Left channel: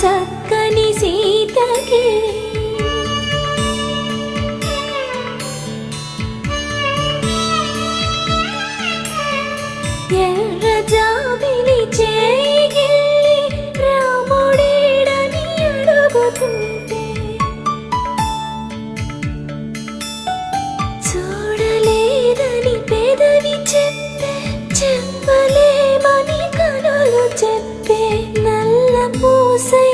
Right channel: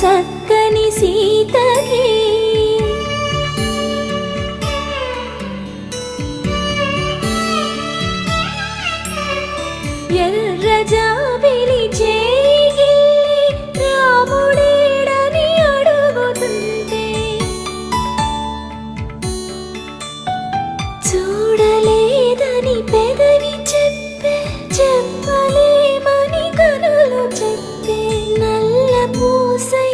చక్కని సీతకి ఎర్ర జాబిలి చేయి రాముడేడని అడుగుతుంటే చూడలేదని పెదవి చెప్పే చెప్పలేమని కనులు చెప్పే నల్ల పూసై